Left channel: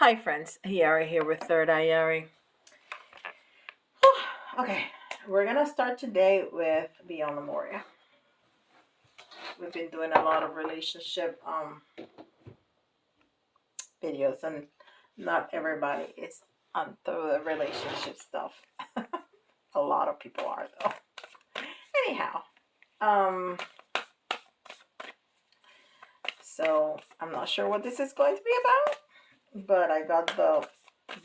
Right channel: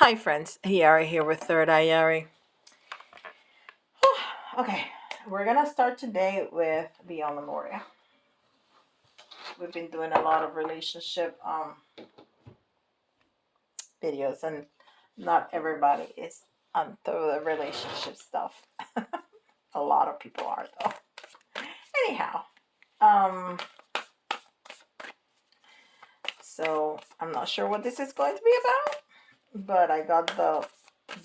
Hi friends, Yari here with Third Eye Yari. Okay, we're gonna start today with Beyond Lemuria. We've been doing a lot of relationship videos, and not everybody is through the relationship stuff. A lot of people are though. Anyhow, um, so I'm not sure what this is going to be about, but I got the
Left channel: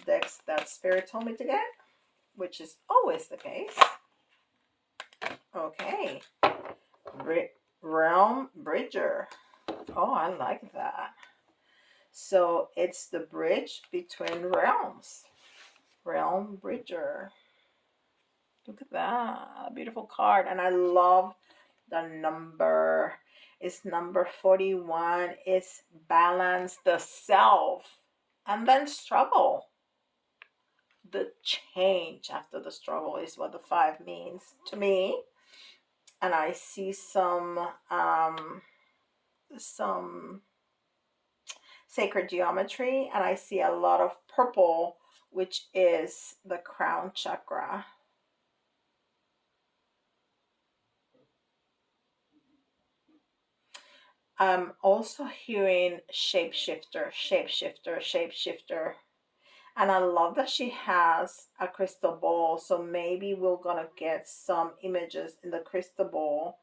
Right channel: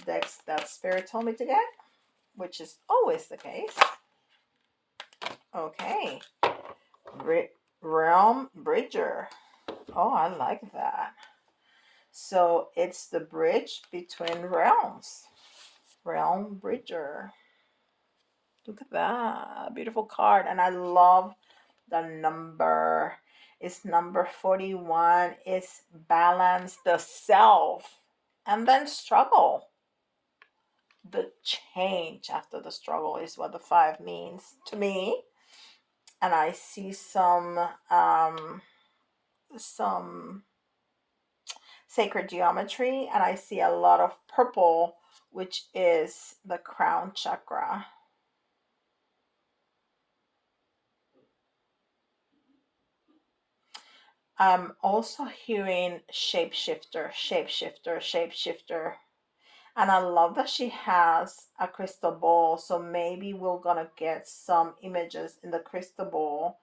decks that Spirit told me to get, which is always the case. Okay. Realm Bridger. Oh, I like that. So it's the bridge between realms. Realm Bridger. Look at that. Beautiful card. And I love the number. It's number 41. It's balance the self and then struggle. The change after the struggle is what the 5 means to me. And I see some sacred geometry, and I see a lot of purple, which is the crown chakra. I'm also hearing shapeshifter, shapeshifter, shapeshifter. And I love that she has a crystal ball. So maybe we're gonna get some images in the crystal ball.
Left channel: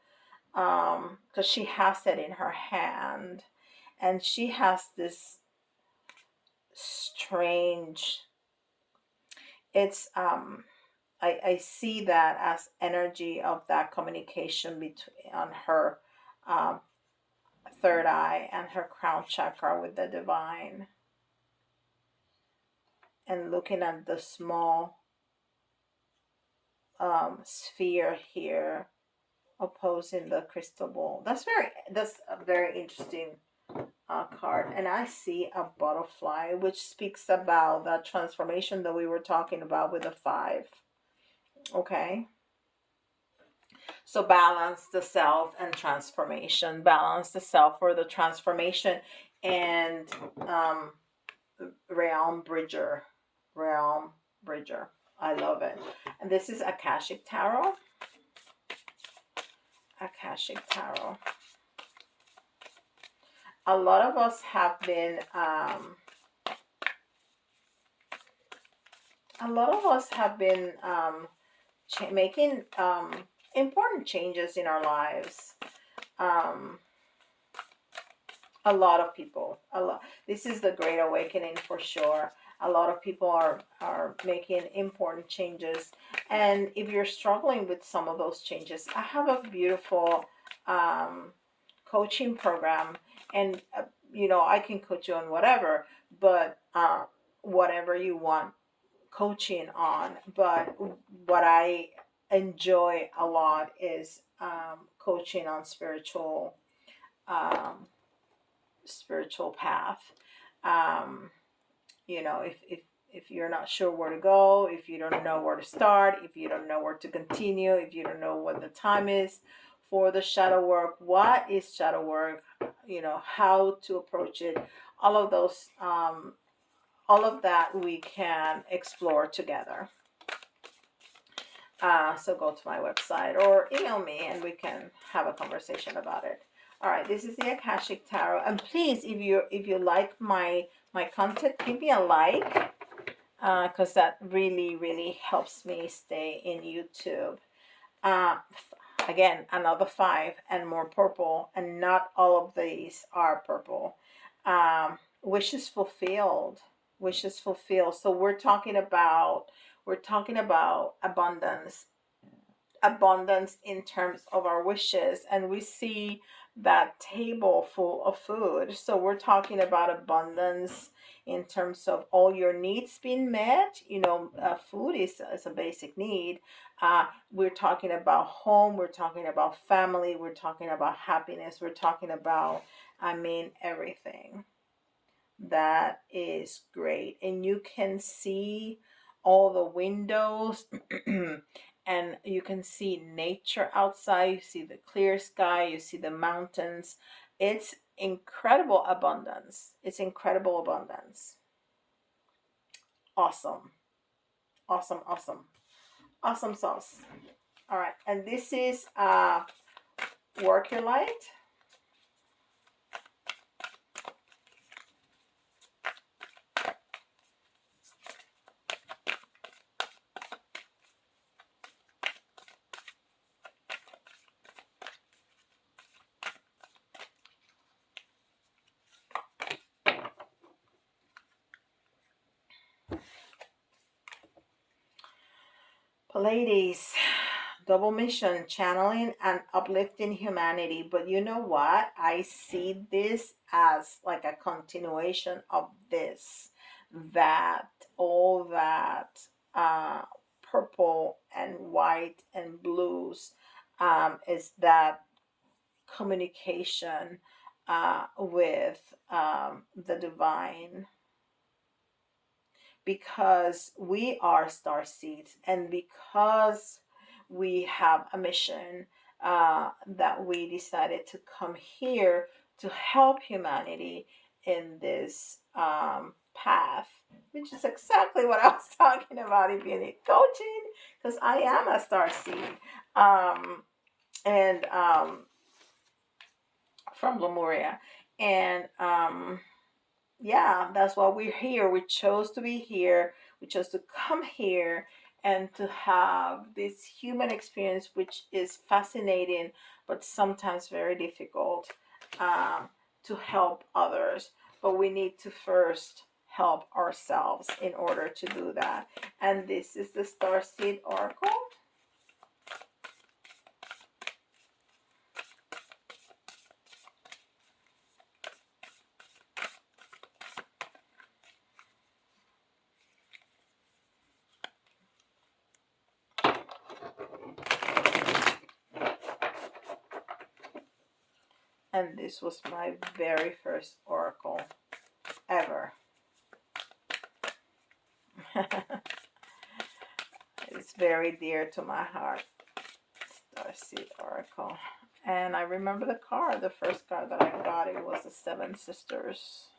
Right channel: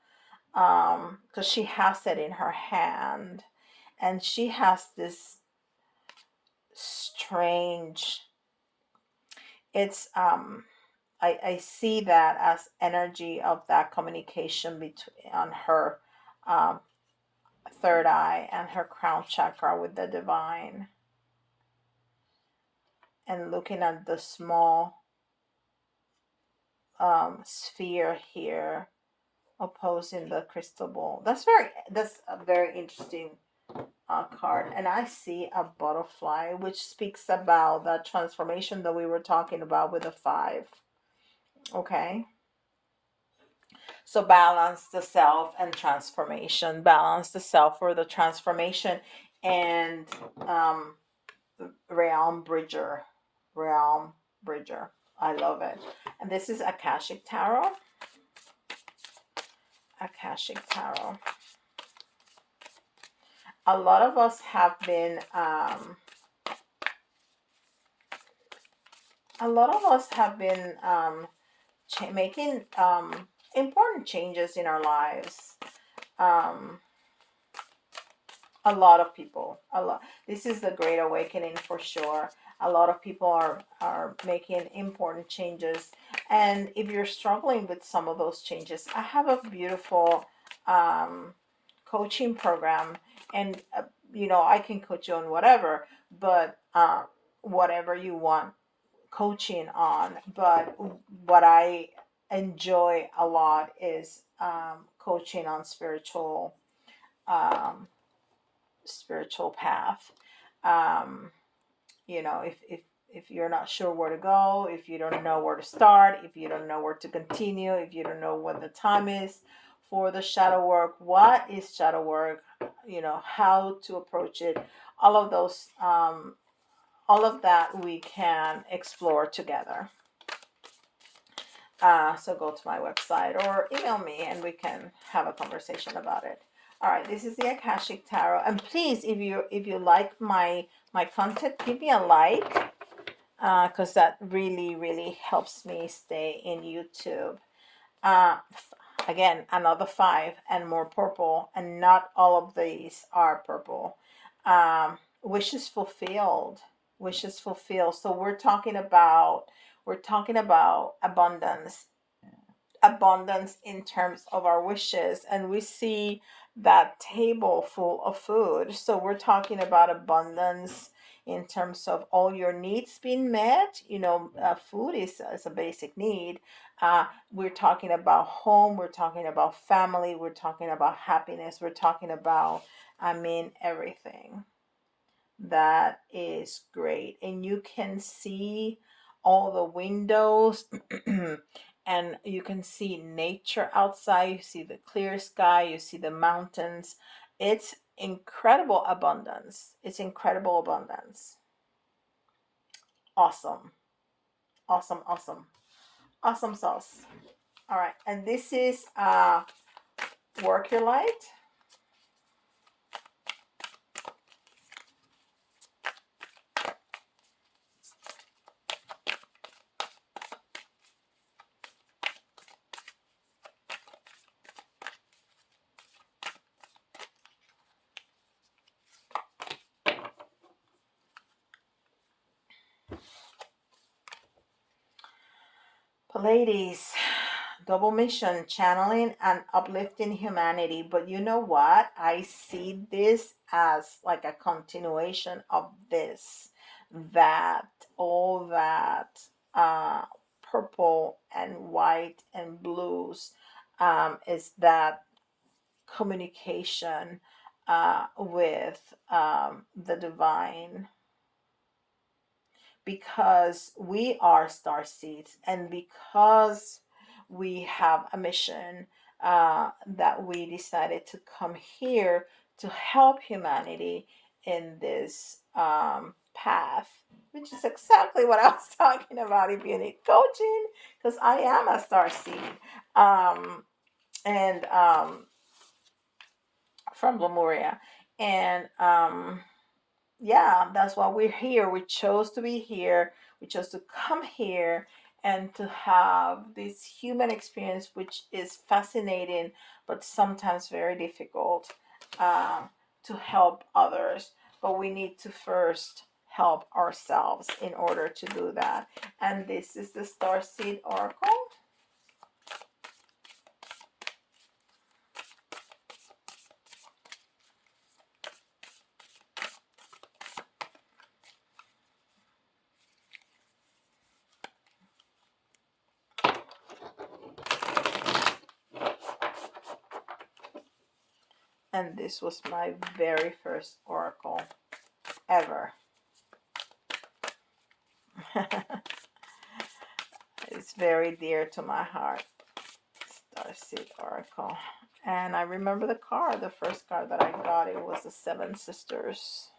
Because she has it in her hand. And she has this strange, it's I see that as energy of that communication between on her um, third eye and her crown chakra with the divine, and looking at the small sphere here opposing the crystal ball. That's a very interesting card. And I see a butterfly, which speaks about that transformation that we were talking about with the 5. Okay. So balance the self and transformation. Balance the self for the transformation, and um, realm bridger. Realm bridger. I love it. And this is Akashic Tarot. Akashic Tarot. A lot of us have been making important changes in our lives. Um, a lot of people, this is the great awakening for sure. A lot of people are making important changes, and if you're struggling with some of those changes, I have a beautiful coaching program. And I can coach you on whatever, but whatever you want coaching on. But what I enjoy a lot is coaching on um, spiritual path. Um, if you're not sure where to go, if you don't know where to start, if you don't know where to continue, if you don't know what the time is for the shadow work, what is shadow work, how to approach it, all of those, all of that we can explore together. So go to my website or email me and we can have a conversation about it. All right, this is the Akashic Tarot, and please, if you like my content, give me a like, because that really helps me stay in YouTube. Again, another 5 and more purple, and not all of these are purple. Wishes fulfilled, wishes fulfilled. So we're talking about abundance in terms of our wishes, and we see that table full of food. So we're talking about abundance in terms of all your needs being met. Food is a basic need. We're talking about home, we're talking about family, we're talking about happiness, we're talking about, everything. That is great. And you can see all the windows and you can see nature outside. You see the clear sky, you see the mountains. It's incredible abundance. It's incredible abundance. Awesome. Awesome, awesome. Awesome sauce. All right. And this is work your light. Pleiades, double mission, channeling and uplifting humanity. But you know what? I see this as like a continuation of this, that all that uh, purple and white and blues is that communication with the divine, because we are star seeds and because we have a mission that we decided to come here to help humanity in this path, which is exactly what I was talking about if you need coaching, because I am a star seed and from Lemuria. And yeah, that's why we're here. We chose to be here. We chose to come here and to have this human experience, which is fascinating, but sometimes very difficult to help others. But we need to first help ourselves in order to do that. And this is the Starseed Oracle. And this was my very first oracle ever. It's very dear to my heart. Starseed Oracle. And I remember the card, the first card that I got, it was the Seven Sisters.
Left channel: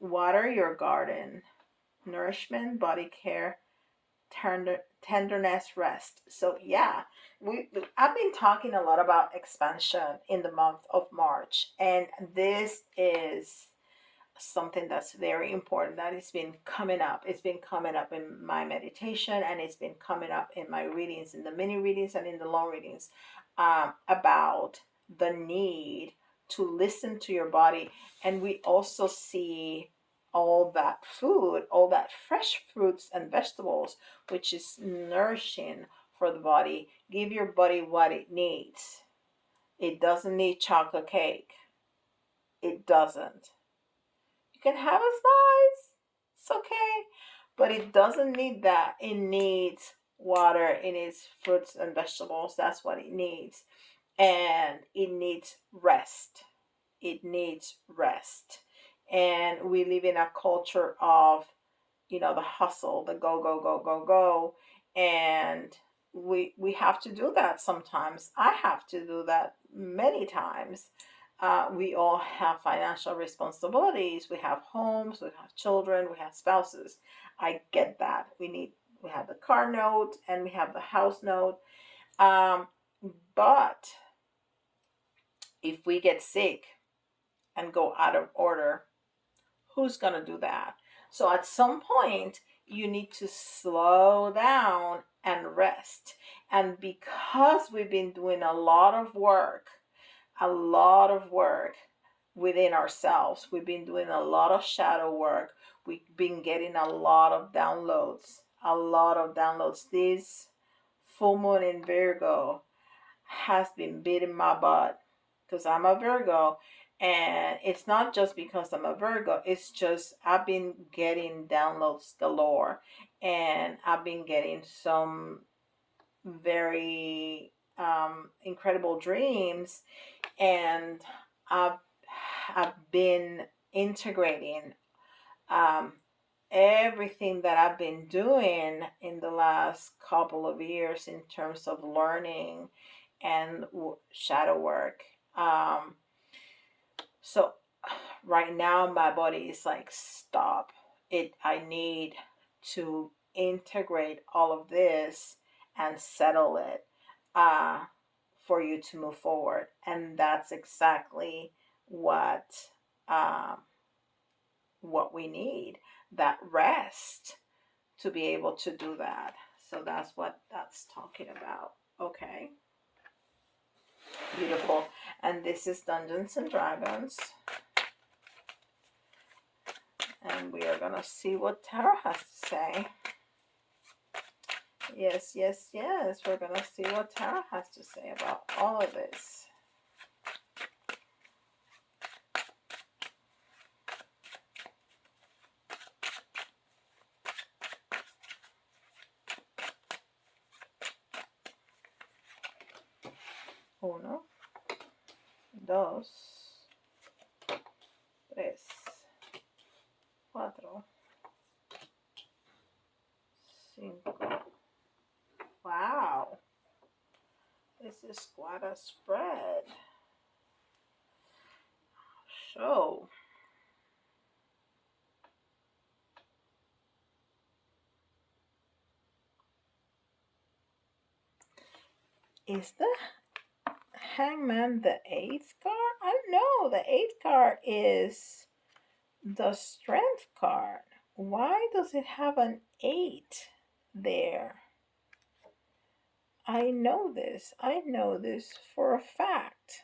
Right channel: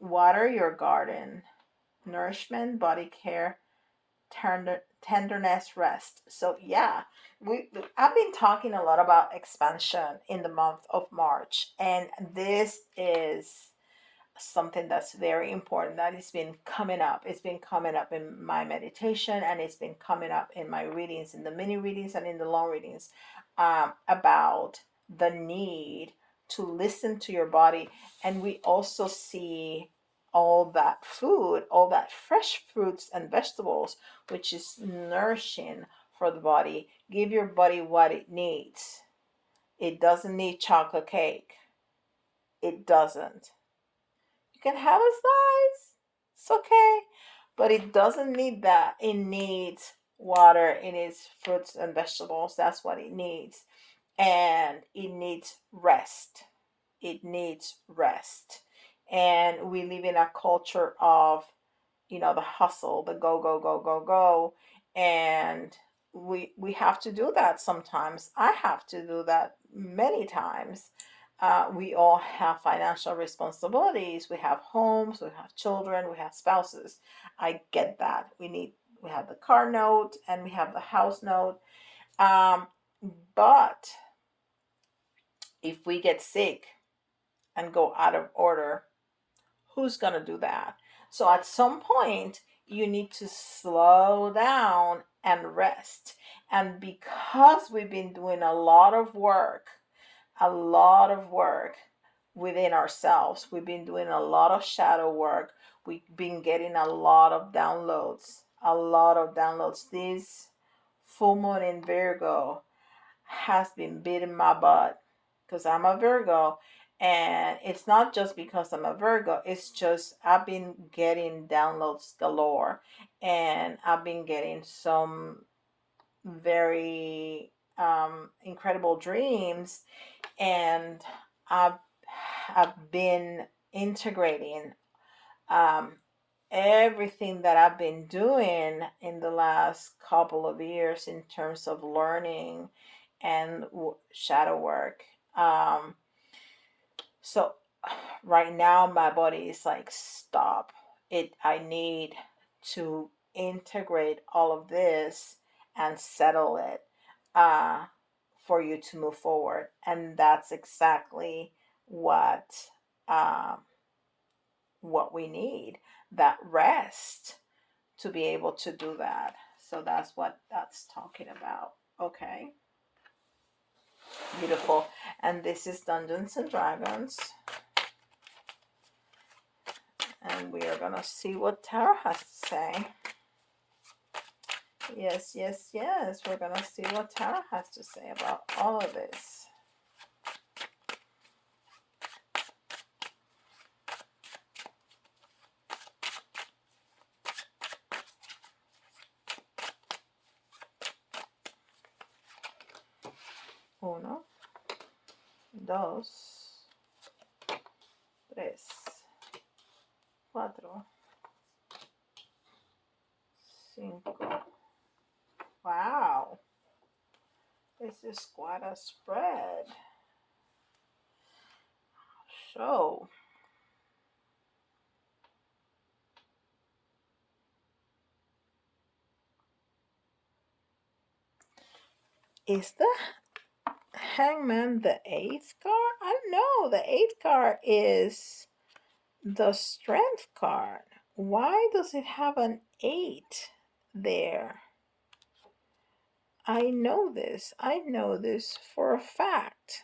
Water your garden, nourishment, body care, tenderness, rest. So yeah, I've been talking a lot about expansion in the month of March, and this is something that's very important that has been coming up. It's been coming up in my meditation, and it's been coming up in my readings, in the mini readings and in the long readings, about the need to listen to your body. And we also see all that food, all that fresh fruits and vegetables, which is nourishing for the body. Give your body what it needs. It doesn't need chocolate cake. It doesn't. You can have a slice. It's okay. But it doesn't need that. It needs water. It needs fruits and vegetables. That's what it needs. And it needs rest. It needs rest. And we live in a culture of, the hustle, the go, go, go, go, go. And we have to do that sometimes. I have to do that many times. We all have financial responsibilities. We have homes, we have children, we have spouses. I get that. We have the car note and we have the house note. Um, but if we get sick and go out of order, who's going to do that? So at some point, you need to slow down and rest. And because we've been doing a lot of work within ourselves, we've been doing a lot of shadow work. We've been getting a lot of downloads, a lot of downloads. This full moon in Virgo has been beating my butt because I'm a Virgo. And it's not just because I'm a Virgo, it's just I've been getting downloads galore. And I've been getting some very incredible dreams. And I've, I've been integrating um, everything that I've been doing in the last couple of years in terms of learning and shadow work. So Right now, my body is like, stop. I need to integrate all of this and settle it uh, for you to move forward. And that's exactly what um, what we need, that rest to be able to do that. So that's what that's talking about. Okay, beautiful. And this is Dungeons and Dragons. And we are going to see what Tarot has to say. Yes, yes, yes. We're going to see what Tarot has to say about all of this. Uno, dos, tres, cuatro, cinco. Wow. This is quite a spread. So, is the Hangman the 8th card? I don't know. The 8th card is the Strength card. Why does it have an 8 there? I know this. I know this for a fact.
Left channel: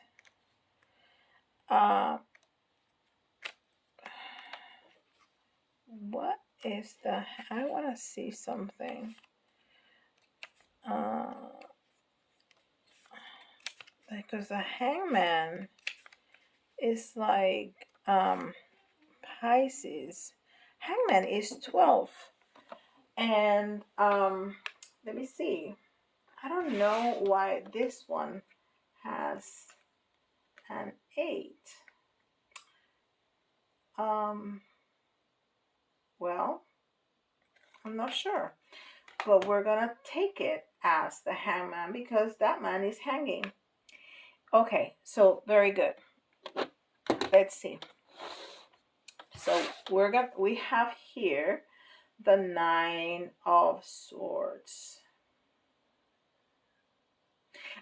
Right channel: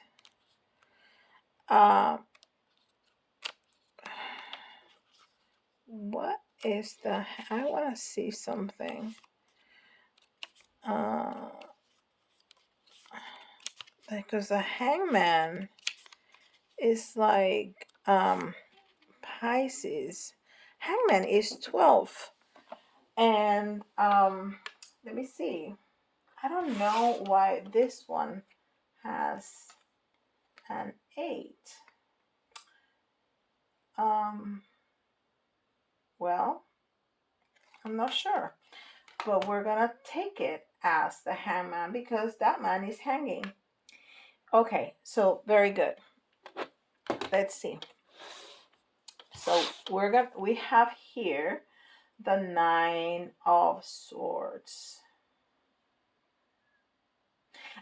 What is the... I want to see something. Because the Hangman is like Pisces. Hangman is 12. And let me see. I don't know why this one has an 8. Well, I'm not sure. But we're going to take it as the Hangman because that man is hanging. Okay, so very good. Let's see. So we have here the 9 of Swords.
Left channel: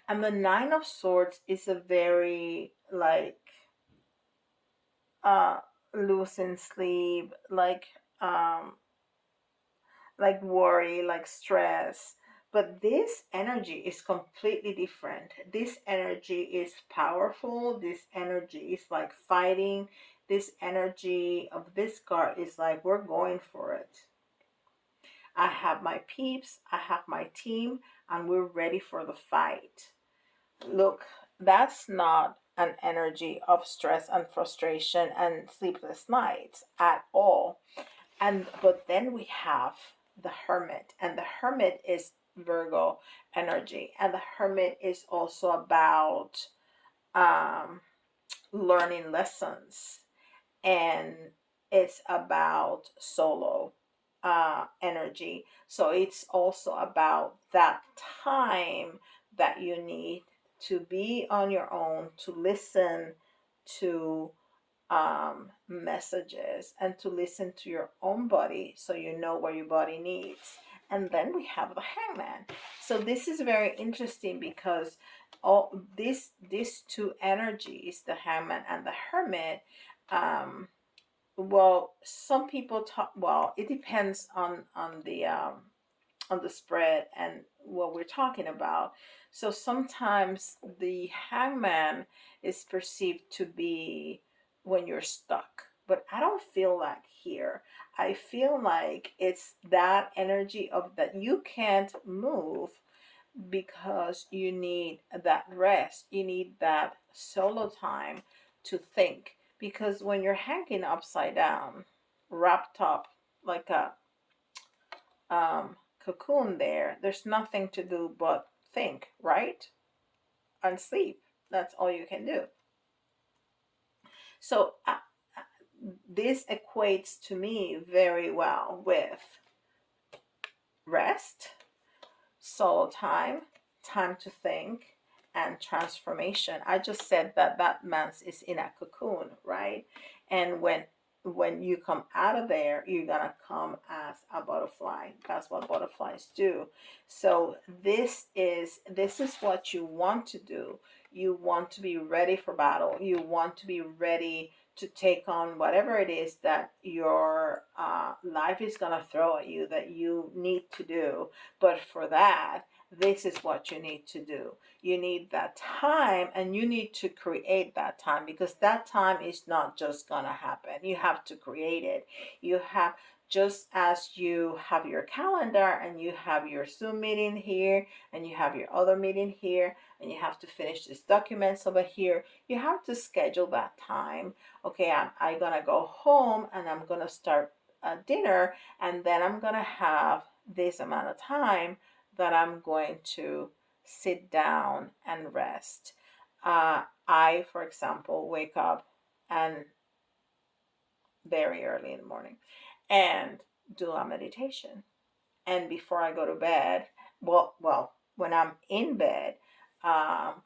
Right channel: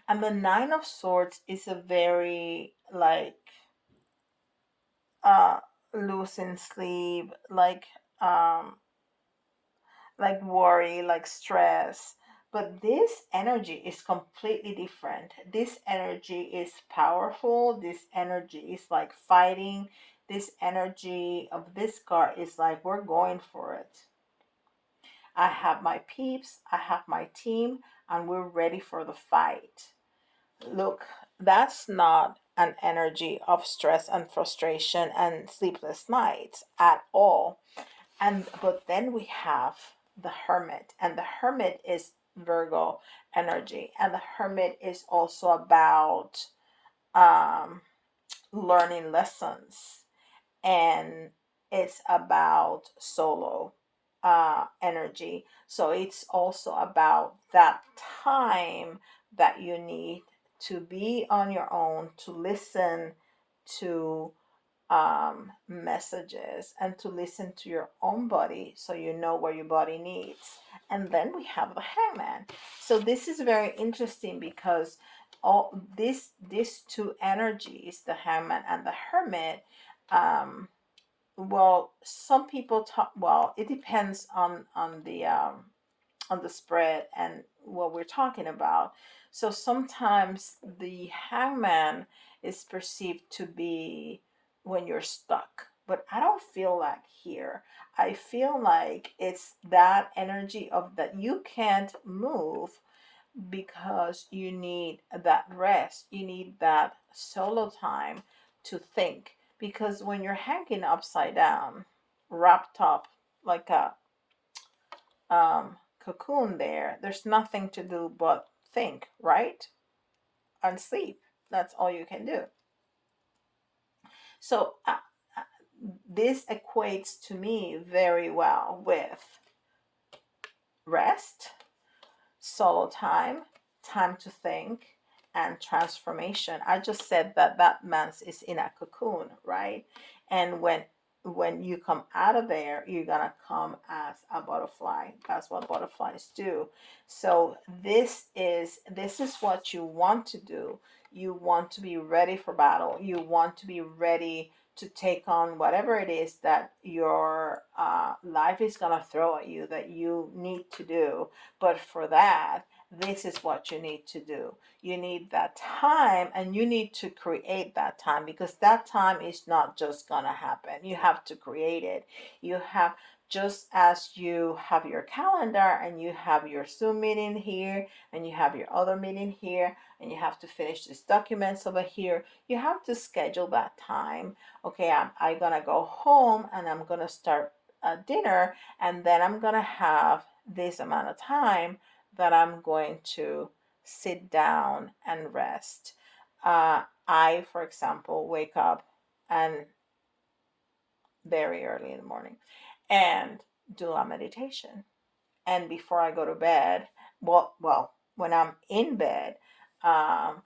And the 9 of Swords is a very loose in sleeve, worry, like stress. But this energy is completely different. This energy is powerful. This energy is like fighting. This energy of this card is like, we're going for it. I have my peeps, I have my team, and we're ready for the fight. Look, that's not an energy of stress and frustration and sleepless nights at all. But then we have the Hermit, and the Hermit is Virgo energy, and the Hermit is also about learning lessons, and it's about solo energy. So it's also about that time that you need to be on your own, to listen to messages and to listen to your own body so you know what your body needs. And then we have the Hangman. So this is very interesting because all these two energies, the Hangman and the Hermit, well, some people talk, well, it depends on the spread and what we're talking about. So sometimes the Hangman is perceived to be when you're stuck, but I don't feel like here. I feel like it's that energy of that you can't move because you need that rest, you need that solo time to think. Because when you're hanging upside down, wrapped up like a cocoon there's nothing to do but think, right? And sleep. That's all you can do. So this equates to me very well with rest, soul time, time to think, and transformation. I just said that man is in a cocoon, right? And when you come out of there, you're gonna come as a butterfly. That's what butterflies do. So this is what you want to do. You want to be ready for battle. You want to be ready to take on whatever it is that your life is gonna throw at you that you need to do. But for that, this is what you need to do. You need that time, and you need to create that time, because that time is not just gonna happen. You have to create it. You have, just as you have your calendar and you have your Zoom meeting here and you have your other meeting here and you have to finish these documents over here, you have to schedule that time. Okay, I'm gonna go home and I'm gonna start dinner, and then I'm gonna have this amount of time that I'm going to sit down and rest. I, for example, wake up and very early in the morning and do a meditation. And before I go to bed, when I'm in bed, um,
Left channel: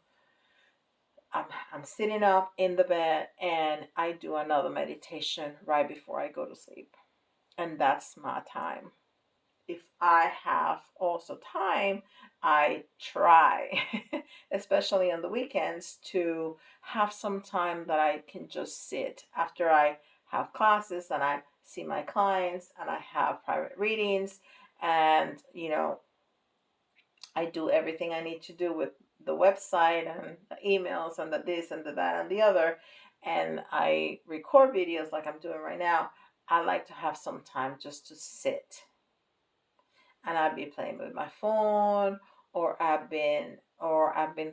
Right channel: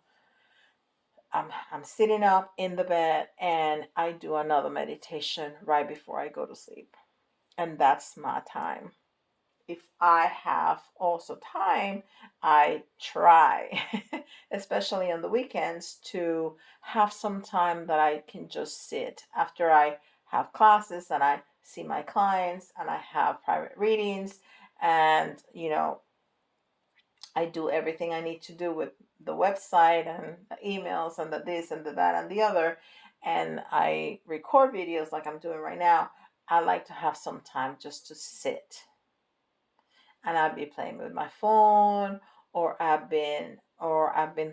I'm sitting up in the bed and I do another meditation right before I go to sleep. And that's my time. If I have also time, I try, especially on the weekends, to have some time that I can just sit after I have classes and I see my clients and I have private readings, and I do everything I need to do with the website and the emails and the this and the that and the other, and I record videos like I'm doing right now. I like to have some time just to sit, and I'd be playing with my phone, or I've been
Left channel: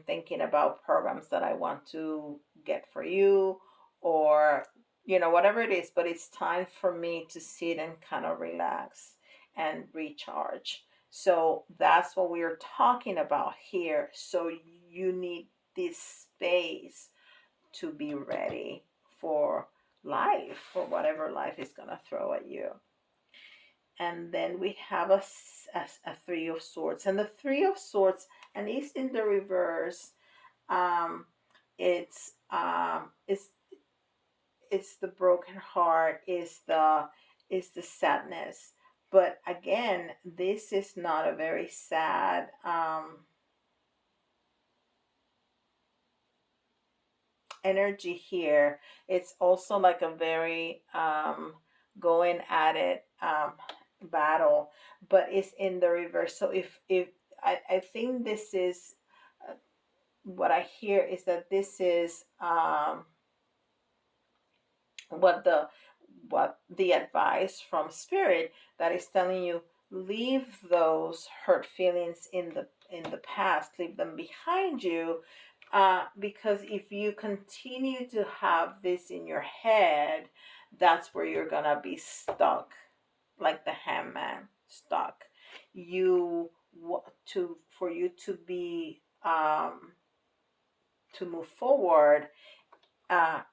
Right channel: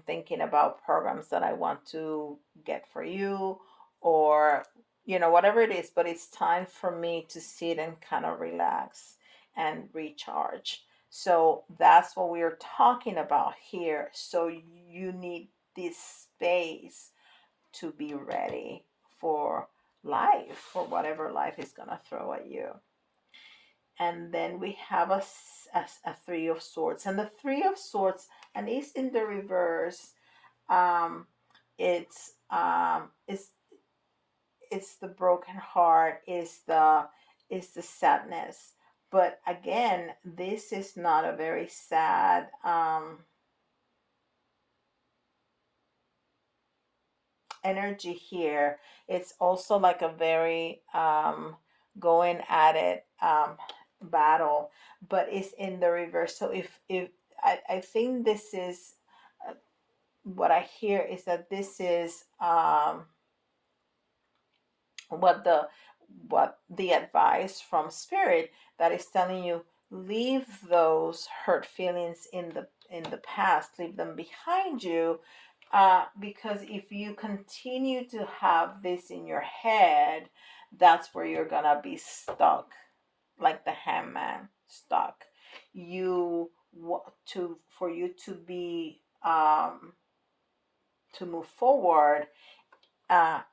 thinking about programs that I want to get for you, or whatever it is. But it's time for me to sit and kind of relax and recharge. So that's what we're talking about here. So you need this space to be ready for life, for whatever life is going to throw at you. And then we have a three of swords, and the three of swords, and it's in the reverse. um it's the broken heart, is the sadness. But again, this is not a very sad energy here. It's also like a very going at it battle, but it's in the reverse. So if I think this is what I hear is that this is what the advice from spirit that is telling you, leave those hurt feelings in the past, leave them behind you, because if you continue to have this in your head, that's where you're gonna be stuck, like the hangman, stuck. You to for you to be to move forward,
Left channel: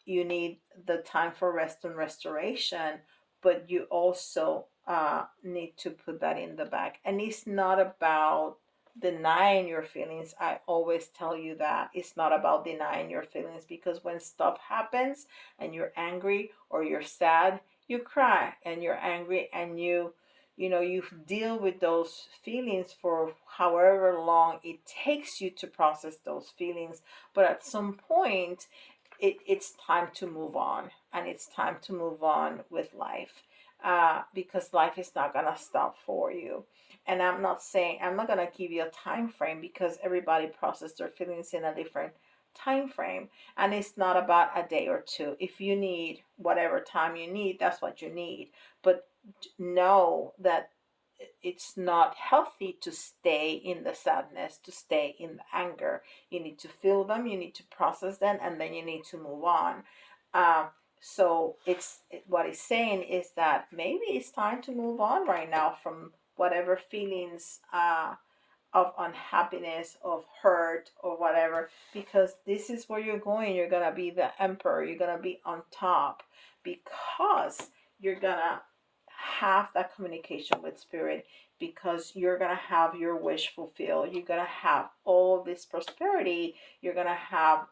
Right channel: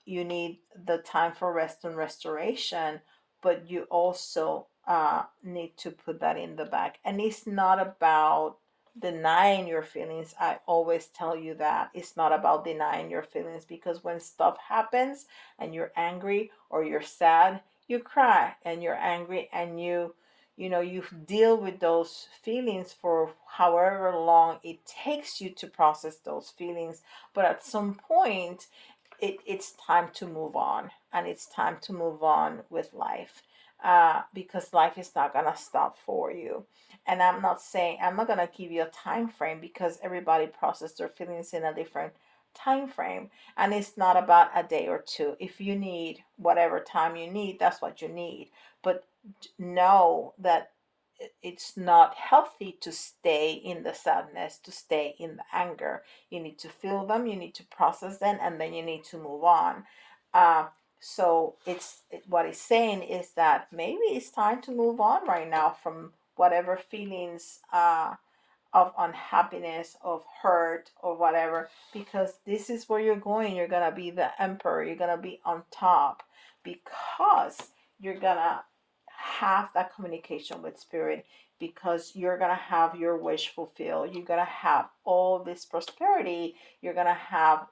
you need the time for rest and restoration, but you also need to put that in the back. And it's not about denying your feelings. I always tell you that it's not about denying your feelings, because when stuff happens and you're angry or you're sad, you cry and you're angry, and you deal with those feelings for however long it takes you to process those feelings. But at some point, it's time to move on, and it's time to move on with life, because life is not going to stop for you. And I'm not going to give you a time frame, because everybody processes their feelings in a different time frame, and it's not about a day or two. If you need whatever time you need, that's what you need. But know that it's not healthy to stay in the sadness, to stay in the anger. You need to feel them, you need to process them, and then you need to move on. uh, so what it's saying is that maybe it's time to move on right now from whatever feelings of unhappiness, of hurt, or whatever, because this is where you're going. You're gonna be the emperor, you're gonna be on top, because you're gonna have that communication with spirit, because you're gonna have your wish fulfilled. You're gonna have all this prosperity. You're gonna have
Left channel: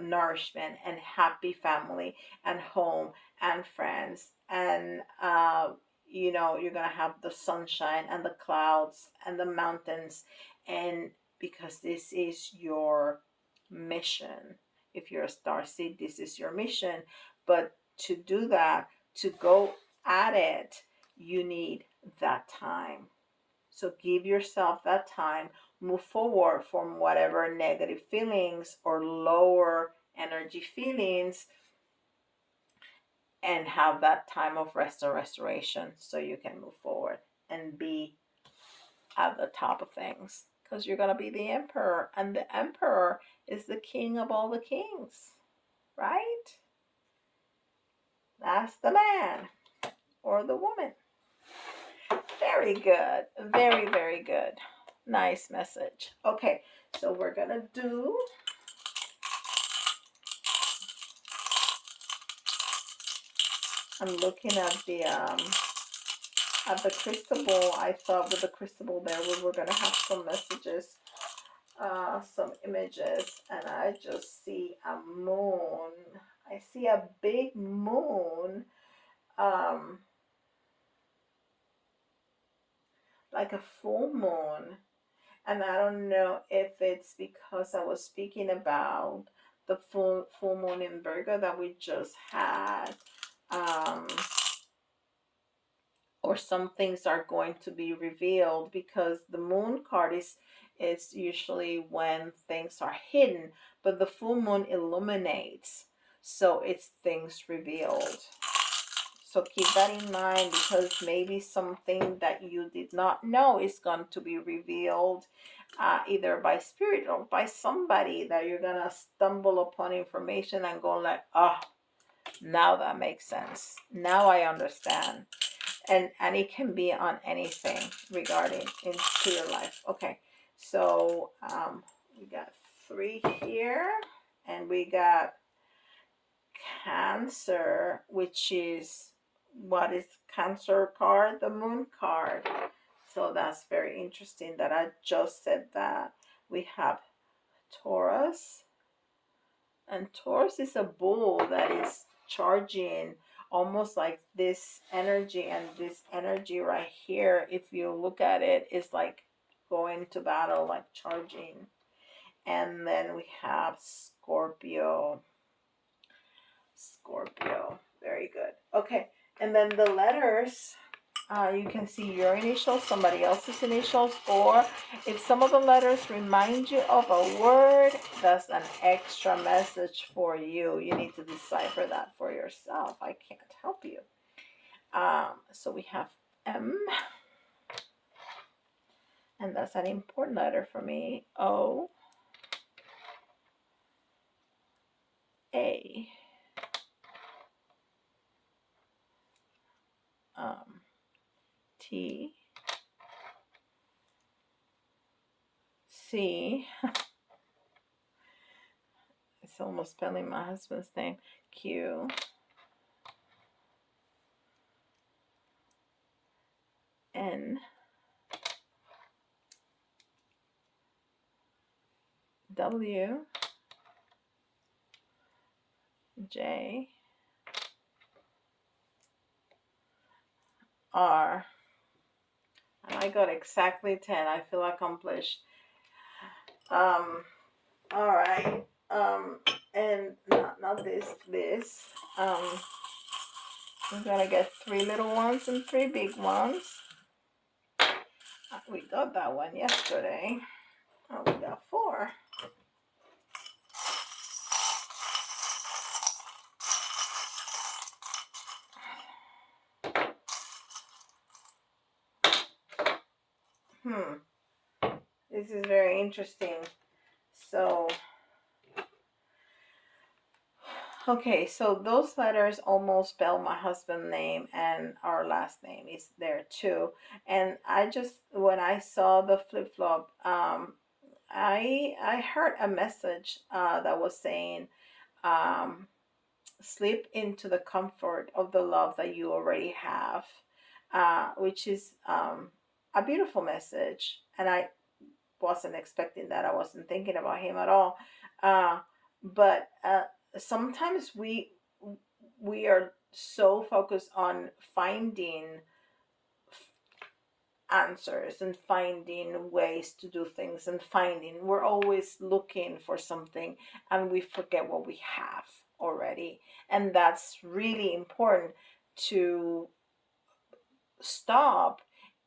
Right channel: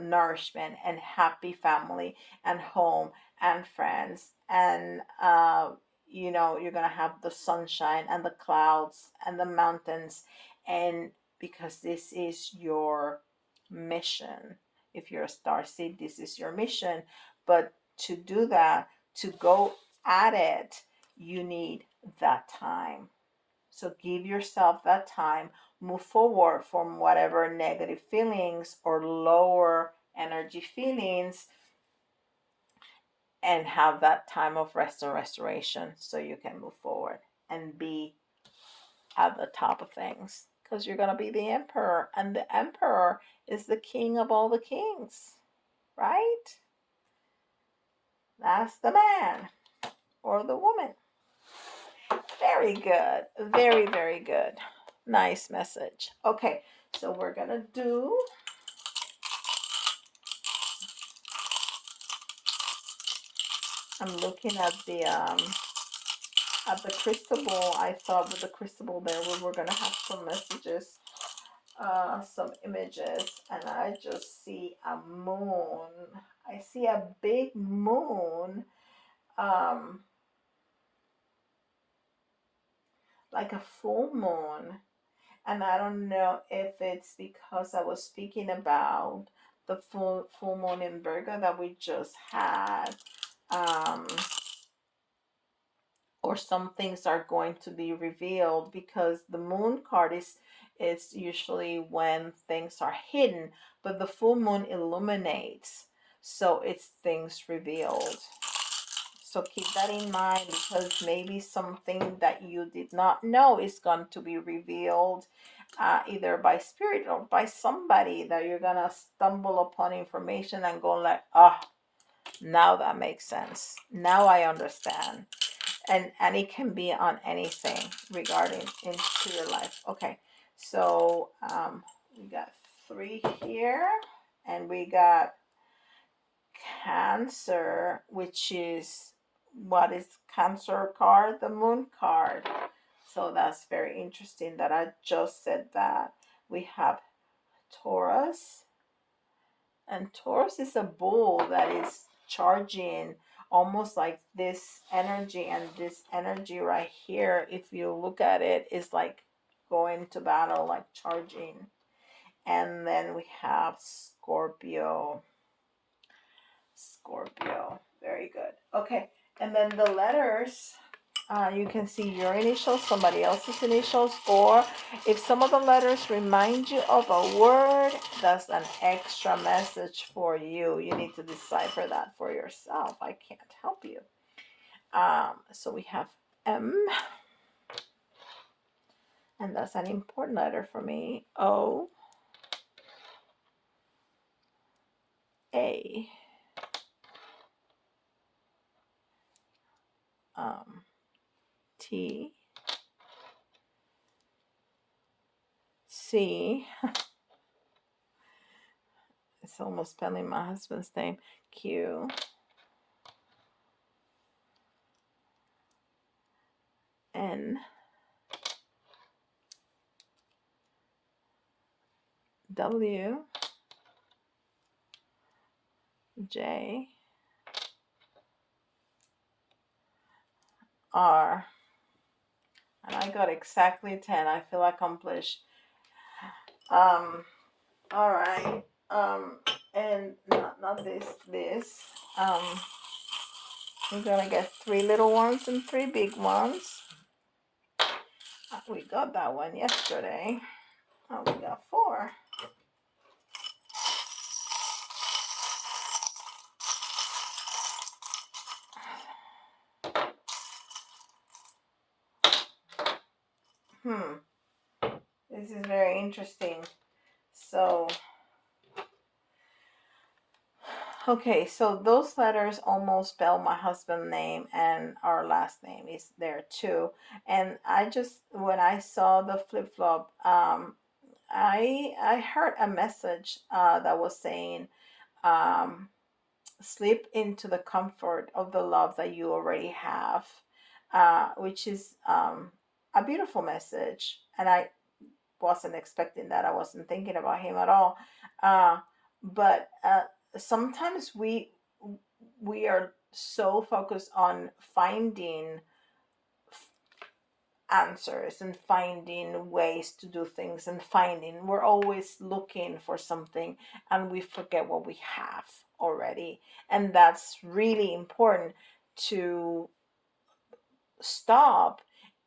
nourishment and happy family and home and friends. And you're gonna have the sunshine and the clouds and the mountains. And because this is your mission, if you're a star seed, this is your mission. But to do that, to go at it, you need that time. So give yourself that time, move forward from whatever negative feelings or lower energy feelings, and have that time of rest and restoration so you can move forward and be at the top of things, because you're going to be the emperor, and the emperor is the king of all the kings, right? That's the man or the woman. Very good. Very, very good. Nice message. Okay, so we're going to do I'm looking at the crystal ball. I thought with the crystal ball there we were gonna have some messages, some images, and I just see a moon. I see a big moon, um, like a full moon. And I don't know if it's because I was speaking about the full moon in Virgo that we just had. Um, or some things are going to be revealed, because the moon card is usually when things are hidden, but the full moon illuminates, so it's things revealed. So keep that in mind, because maybe something that you did not know is going to be revealed, either by spirit or by somebody, that you're gonna stumble upon information and go like, ah, now that makes sense, now I understand. And it can be on anything regarding into your life. Okay, so we got 3 here, and we got Cancer, which is, what is Cancer card? The moon card. So that's very interesting that I just said that. We have Taurus, and Taurus is a bull that is charging, almost like this energy, and this energy right here, if you look at it, is like going to battle, like charging. And then we have Scorpio. Scorpio. Very good. Okay. And then the letters, you can see your initials, somebody else's initials, or if some of the letters remind you of a word, that's an extra message for you. You need to decipher that for yourself. I can't help you. So we have M, and that's an important letter for me. O, A, T, C. It's almost spelling my husband's name. Q, N, W, J, R. And I got exactly 10. I feel accomplished. Um, all right. And not this. I'm gonna get 3 little ones and 3 big ones. We got that one yesterday. Oh, we got 4. This is very interesting. So, okay, so those letters almost spell my husband's name, and our last name is there too. And I just, when I saw the flip flop, I heard a message that was saying, um, slip into the comfort of the love that you already have, which is a beautiful message. And I wasn't expecting that. I wasn't thinking about him at all. Uh, but sometimes we are so focused on finding answers and finding ways to do things, and finding, we're always looking for something, and we forget what we have already. And that's really important to stop,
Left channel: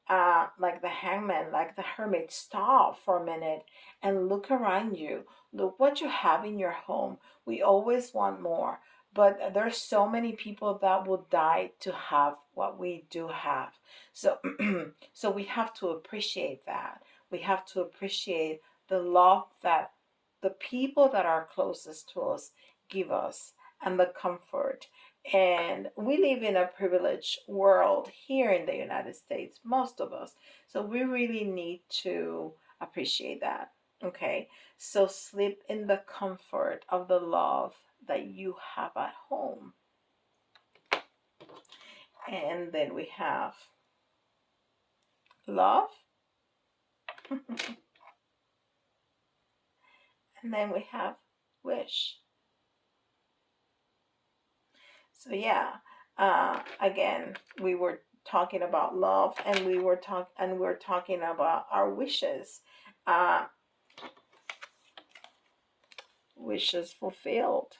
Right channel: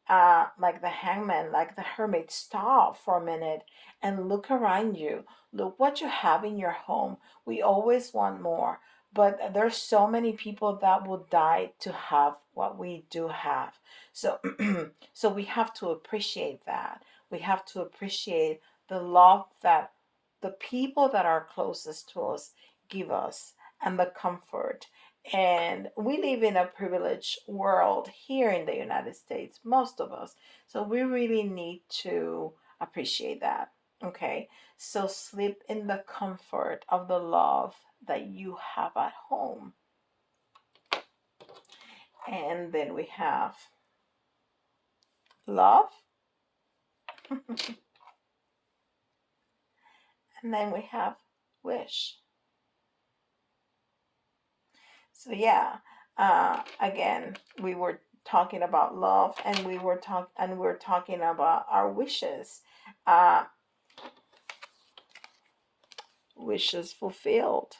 like the hangman, like the hermit, stop for a minute and look around you. Look what you have in your home. We always want more, but there's so many people that will die to have what we do have. So, so we have to appreciate that. We have to appreciate the love that the people that are closest to us give us, and the comfort. And we live in a privileged world here in the United States, most of us. So we really need to appreciate that. Okay. So sleep in the comfort of the love that you have at home. And then we have love. And then we have wish. So yeah, again, we were talking about love, and we're talking about our wishes. Uh, wishes fulfilled.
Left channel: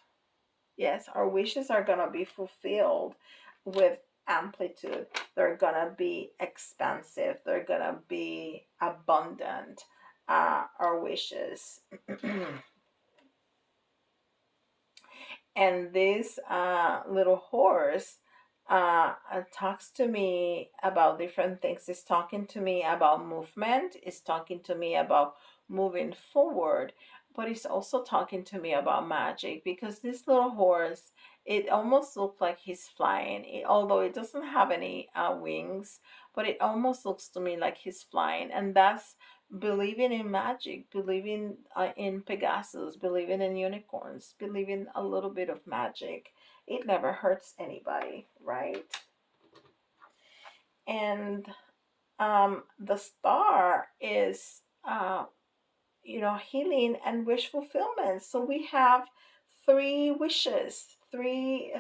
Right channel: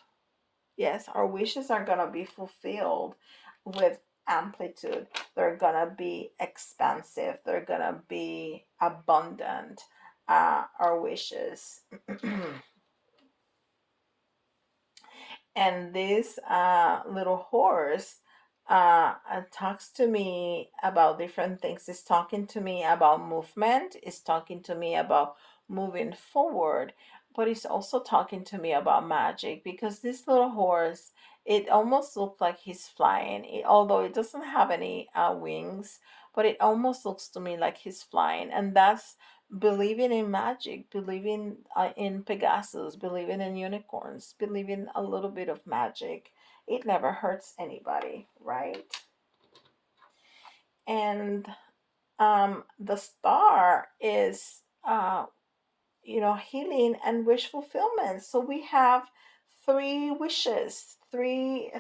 Yes, our wishes are going to be fulfilled with amplitude. They're going to be expansive. They're going to be abundant. Our wishes. And this little horse talks to me about different things. It's talking to me about movement. It's talking to me about moving forward, but it's also talking to me about magic, because this little horse, it almost looks like he's flying, although it doesn't have any wings, but it almost looks to me like he's flying. And that's believing in magic, believing in Pegasus, believing in unicorns, believing a little bit of magic. It never hurts anybody, right? And the star is healing and wish fulfillment. So we have three wishes, three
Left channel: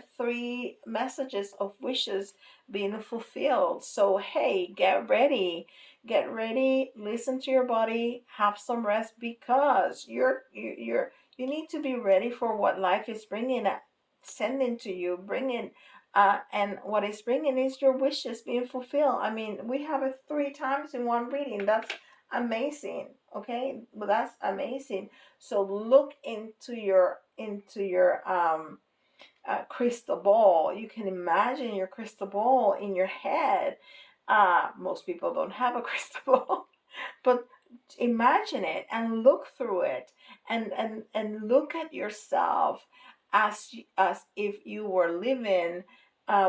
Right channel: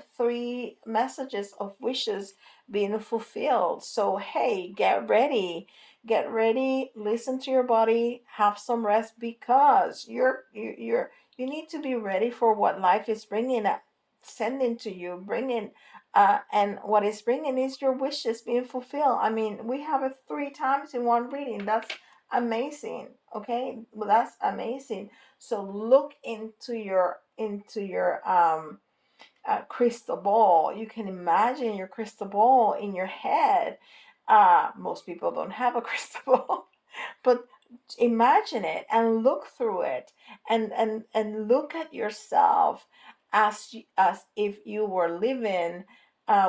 messages of wishes being fulfilled. So hey, get ready, listen to your body, have some rest, because you need to be ready for what life is bringing, sending to you, bringing. And what is bringing is your wishes being fulfilled. I mean, we have it three times in one reading. That's amazing. Okay, well, that's amazing. So look into your crystal ball. You can imagine your crystal ball in your head. Most people don't have a crystal ball, but imagine it and look through it, and look at yourself as if you were living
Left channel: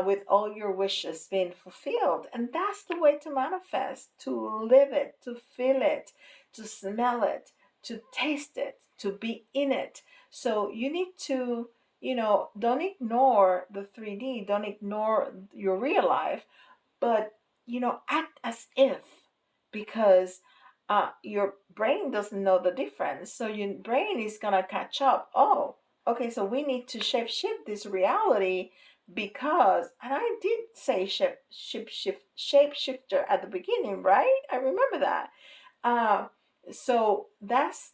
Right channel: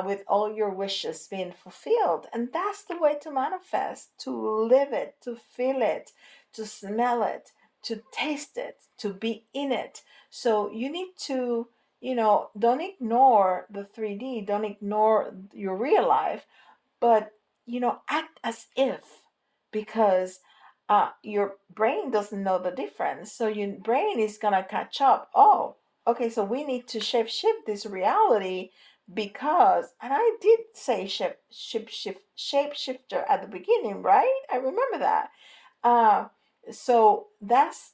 with all your wishes being fulfilled. And that's the way to manifest: to live it, to feel it, to smell it, to taste it, to be in it. So you need to, don't ignore the 3D, don't ignore your real life, but act as if, because your brain doesn't know the difference, so your brain is gonna catch up. Oh, okay, so we need to shape shift this reality, because, and I did say shape shifter at the beginning, right? I remember that. uh, so that's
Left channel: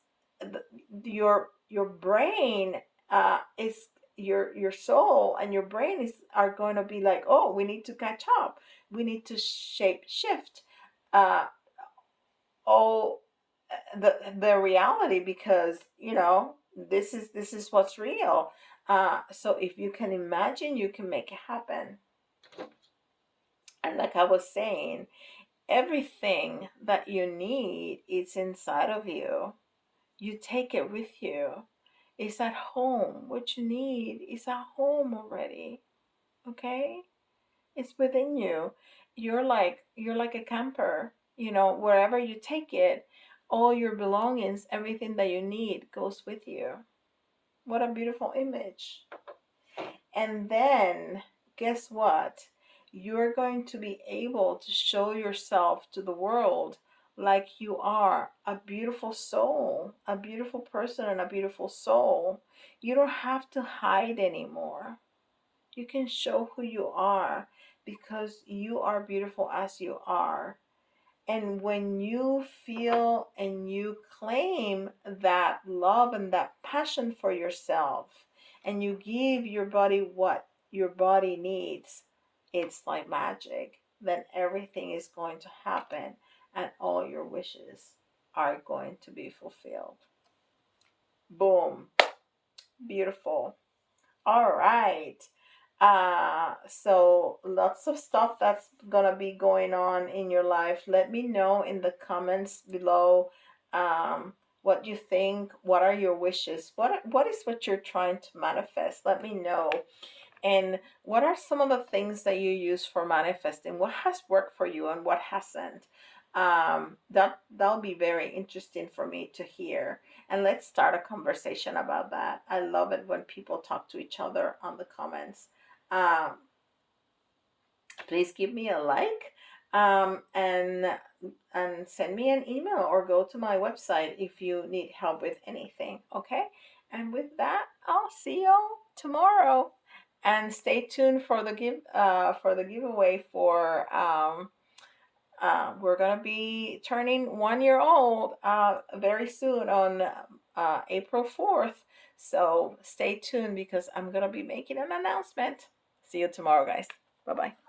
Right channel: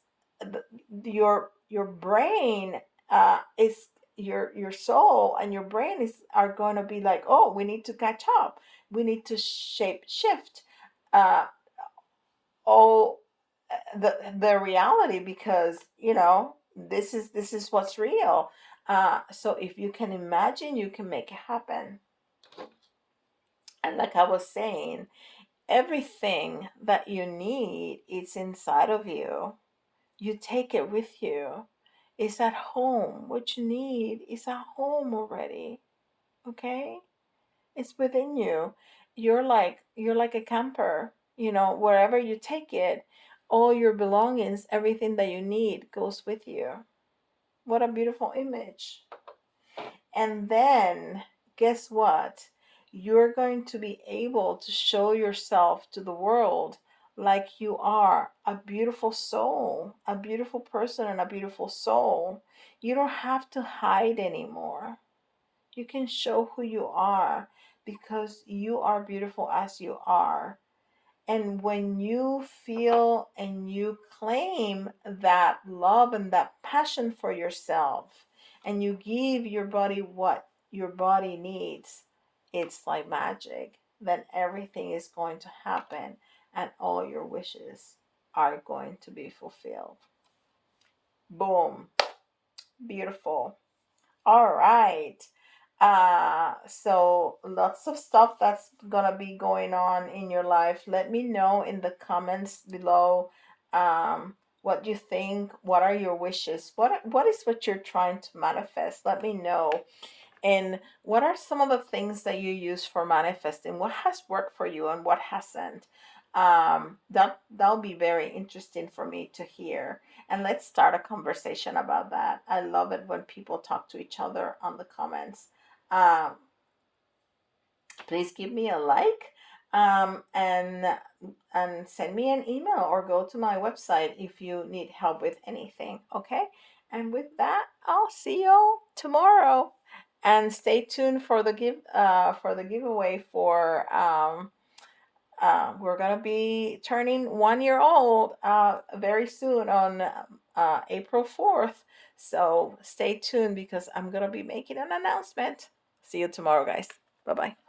your brain, is your soul and your brain is are going to be like, oh, we need to catch up, we need to shape shift uh all the reality, because this is what's real. So if you can imagine, you can make it happen. And like I was saying, everything that you need is inside of you. You take it with you. It's at home. What you need is at home already. Okay? It's within you. You're like a camper. Wherever you take it, all your belongings, everything that you need goes with you. What a beautiful image. And then, guess what? You're going to be able to show yourself to the world like you are a beautiful soul, a beautiful person, and a beautiful soul. You don't have to hide anymore. You can show who you are because you are beautiful as you are. And when you feel and you claim that love and that passion for yourself, and you give your body what your body needs, it's like magic. Then everything is going to happen and all your wishes are going to be fulfilled. Boom. Beautiful. All right. So lots of stuff that's gonna be going on in your life. Let me know in the comments below what you think. What are your wishes? What is what you're trying to manifest? Let me know. And what are some of the things that you use for manifesting? What has worked for you and what hasn't? That'll be very interesting for me to hear. And let's start a conversation about that. I love it when people talk to each other on the comments. Um, Please give me a like, and send me an email or go to my website if you need help with anything. Okay, and with that, I'll see you tomorrow, and stay tuned for the giveaway for we're gonna be turning 1 year old very soon on April 4th. So stay tuned because I'm gonna be making an announcement. See you tomorrow, guys. Bye bye.